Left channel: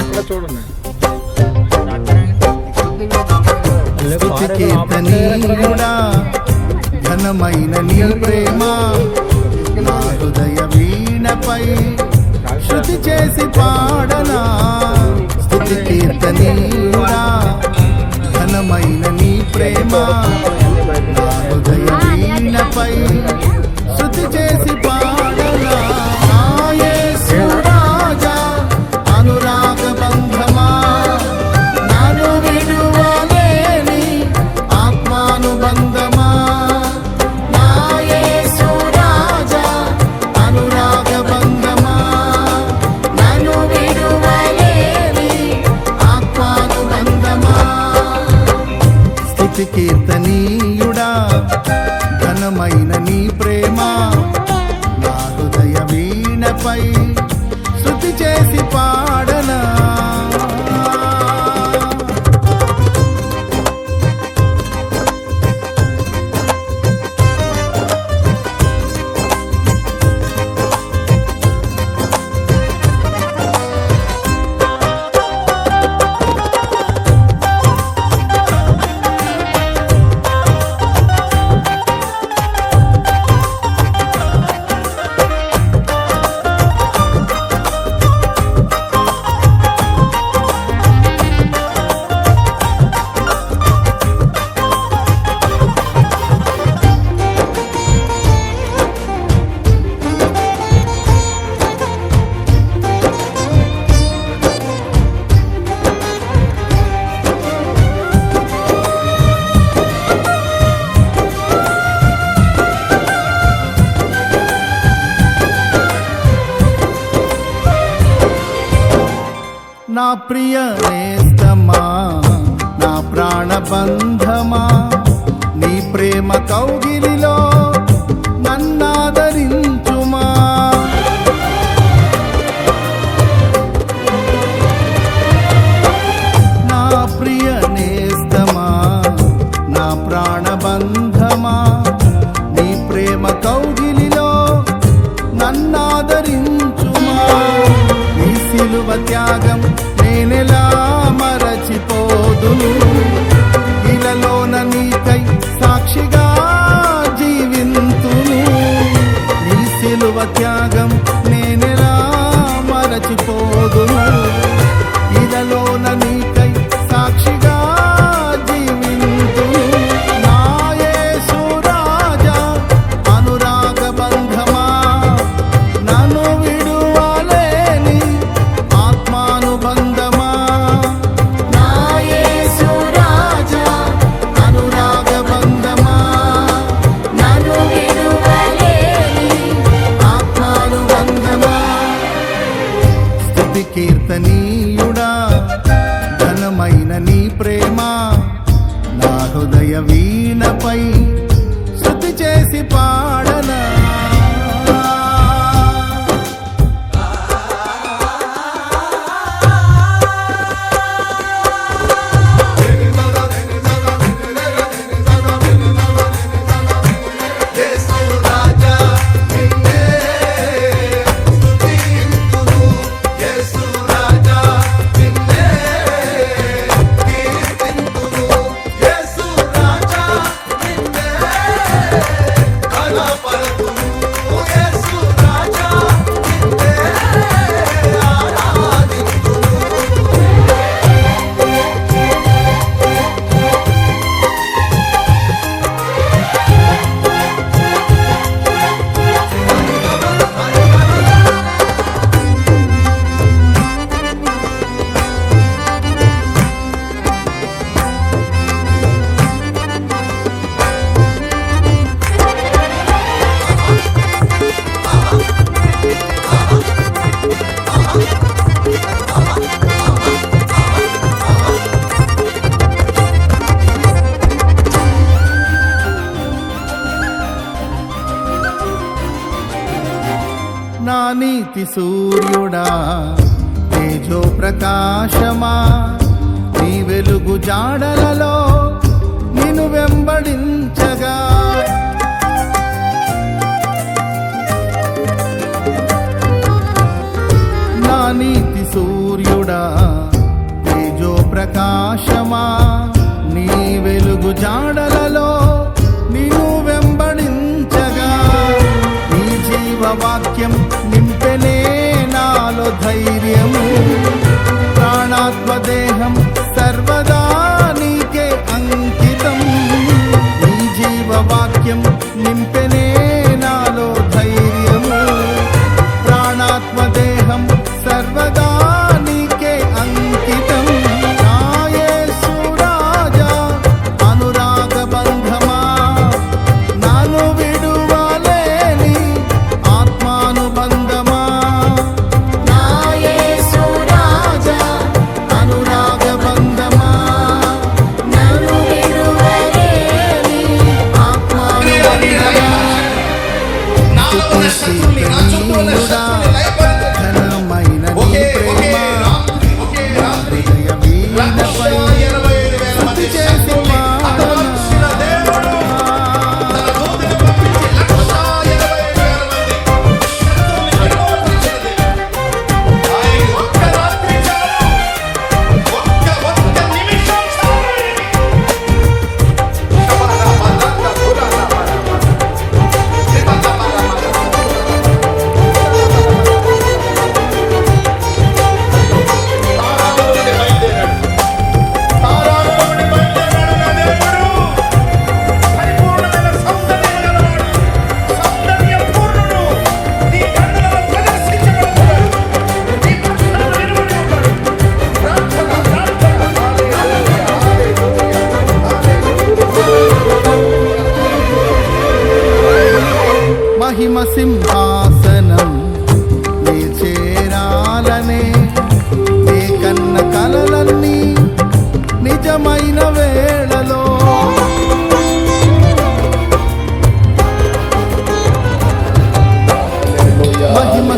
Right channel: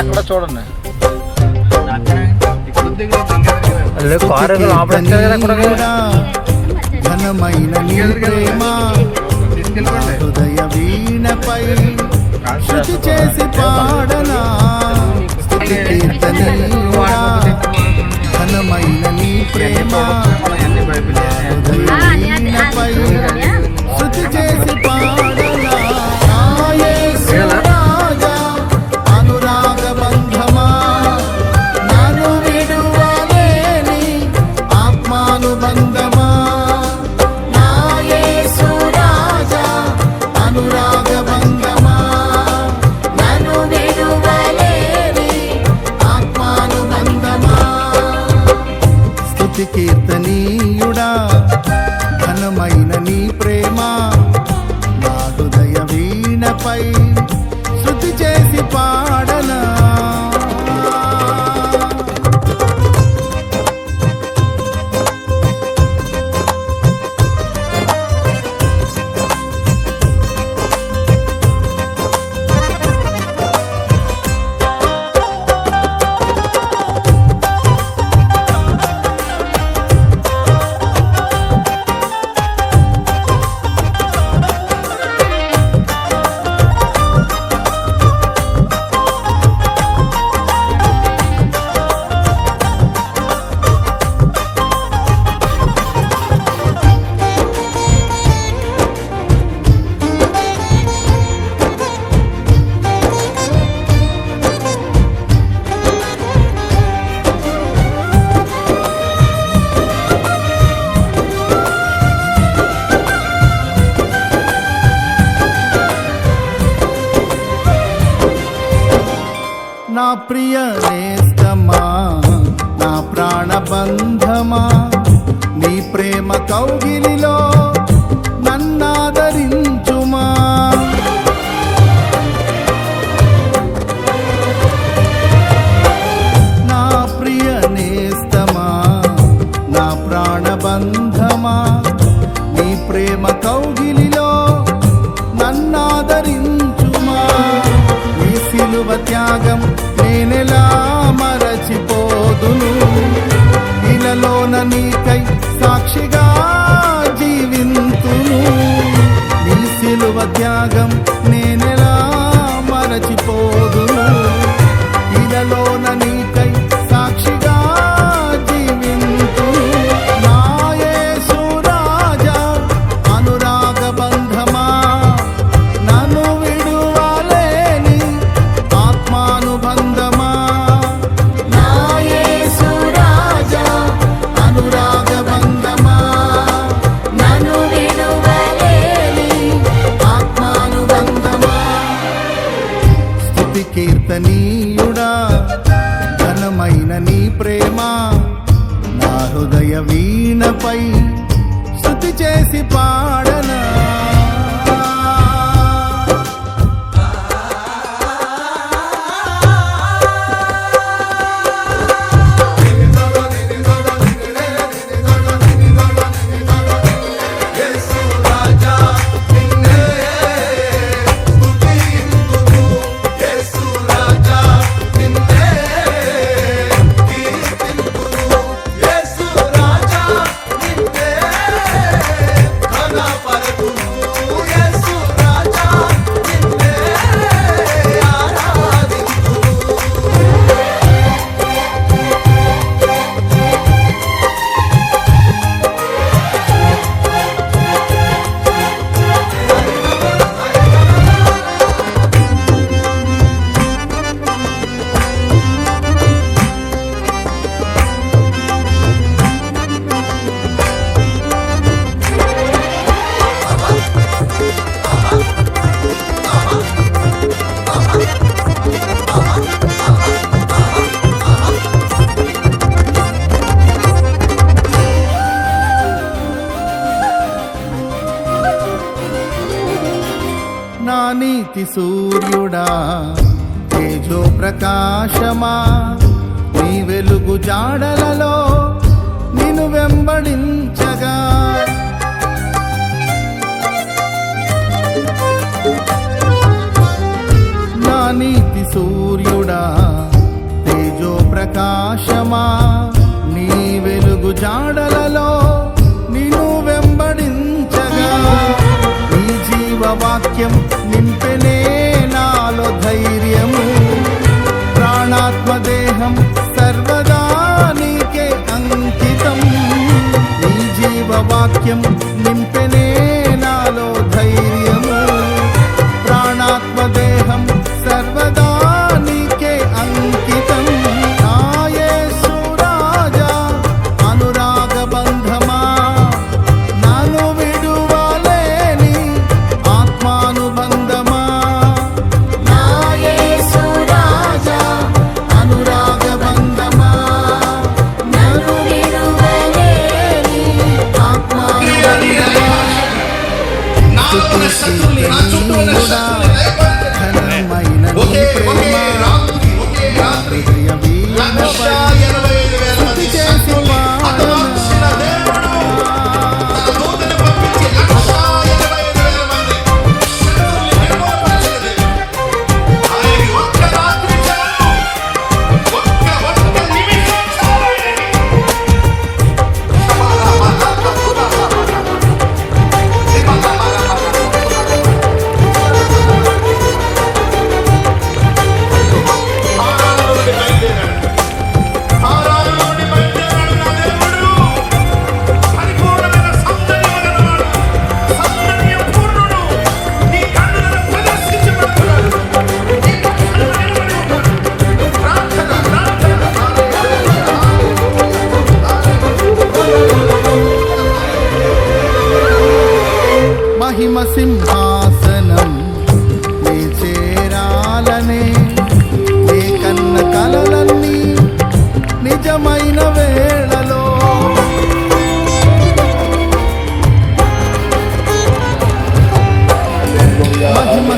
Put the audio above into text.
ఎక్కడ చూడండి ఘనమైన నీ ప్రేమ నా హృదయ వీణపై శృతి చేసి పాడనా. స్తుతి కీర్తనీయుడా ఘనమైన నీ ప్రేమ నా హృదయ వీణపై శృతి చేసి పాడనా. నా యేసు రాజా అనురాగ బంధమా నన్ను విడువలేని ఆత్మానుబంధమా. నా యేసు రాజా అనురాగ బంధమా నన్ను విడువలేని ఆత్మానుబంధమా. స్తుతి కీర్తనీయుడా ఘనమైన నీ ప్రేమ నా హృదయ వీణపై శృతి చేసి పాడనా. నా ప్రియ నేస్తమా నా ప్రాణబంధమా నీ ప్రేమ కౌగిలిలో నన్నాదరించుమా. నా ప్రియ నేస్తమా నా ప్రాణబంధమా నీ ప్రేమ కౌగిలిలో నన్నాదరించుమా. నీ సిలువ త్యాగం నేనెలా మరచిపోదును. ఇలలోన నీకై సాక్షిగా జీవింతును. నీ సిలువ త్యాగం నేనెలా మరచిపోదును. ఇలలోన నీకై సాక్షిగా జీవింతును. నా యేసు రాజా అనురాగ బంధమా నన్ను విడువలేని ఆత్మానుబంధమా. నా యేసు రాజా అనురాగ బంధమా నన్ను విడువలేని ఆత్మానుబంధమా. స్తుతి కీర్తనీయుడా ఘనమైన నీ ప్రేమ నా హృదయ వీణపై స్తుతి చేసి పాడనా. Para నీతి సూర్యుడా తేజో ప్రకాశమా, నీ వెలుగు జాడలలో నిన్ను వెంబడించగా. నా నీతి సూర్యుడా తేజో ప్రకాశమా, నీ వెలుగు జాడలలో నిన్ను వెంబడించగా. నీ జీవవాక్యం నింపెనే నాలో ధైర్యము, ప్రాణాత్మదేహం సర్వదా నీకే అంకితం. నీ జీవవాక్యం నింపెనే నాలో ధైర్యము, ప్రాణాత్మదేహం సర్వదా నీకే అంకితం. నా యేసు రాజా అనురాగ బంధమా, నాను విడువలేని ఆత్మానుబంధమా. నా యేసు రాజా అనురాగ బంధమా, నాను విడువలేని ఆత్మానుబంధమా. స్తుతిస్తున్నీయుడా ఘనమైన నీ ప్రేమ, నా హృదయ వీణపై స్తుతి చేసి పాడనా. మహిమ సింహాసనం నే చేరాలనే, నే కన్న కలలన్నీ నిజమైన వేళలో. మహిమ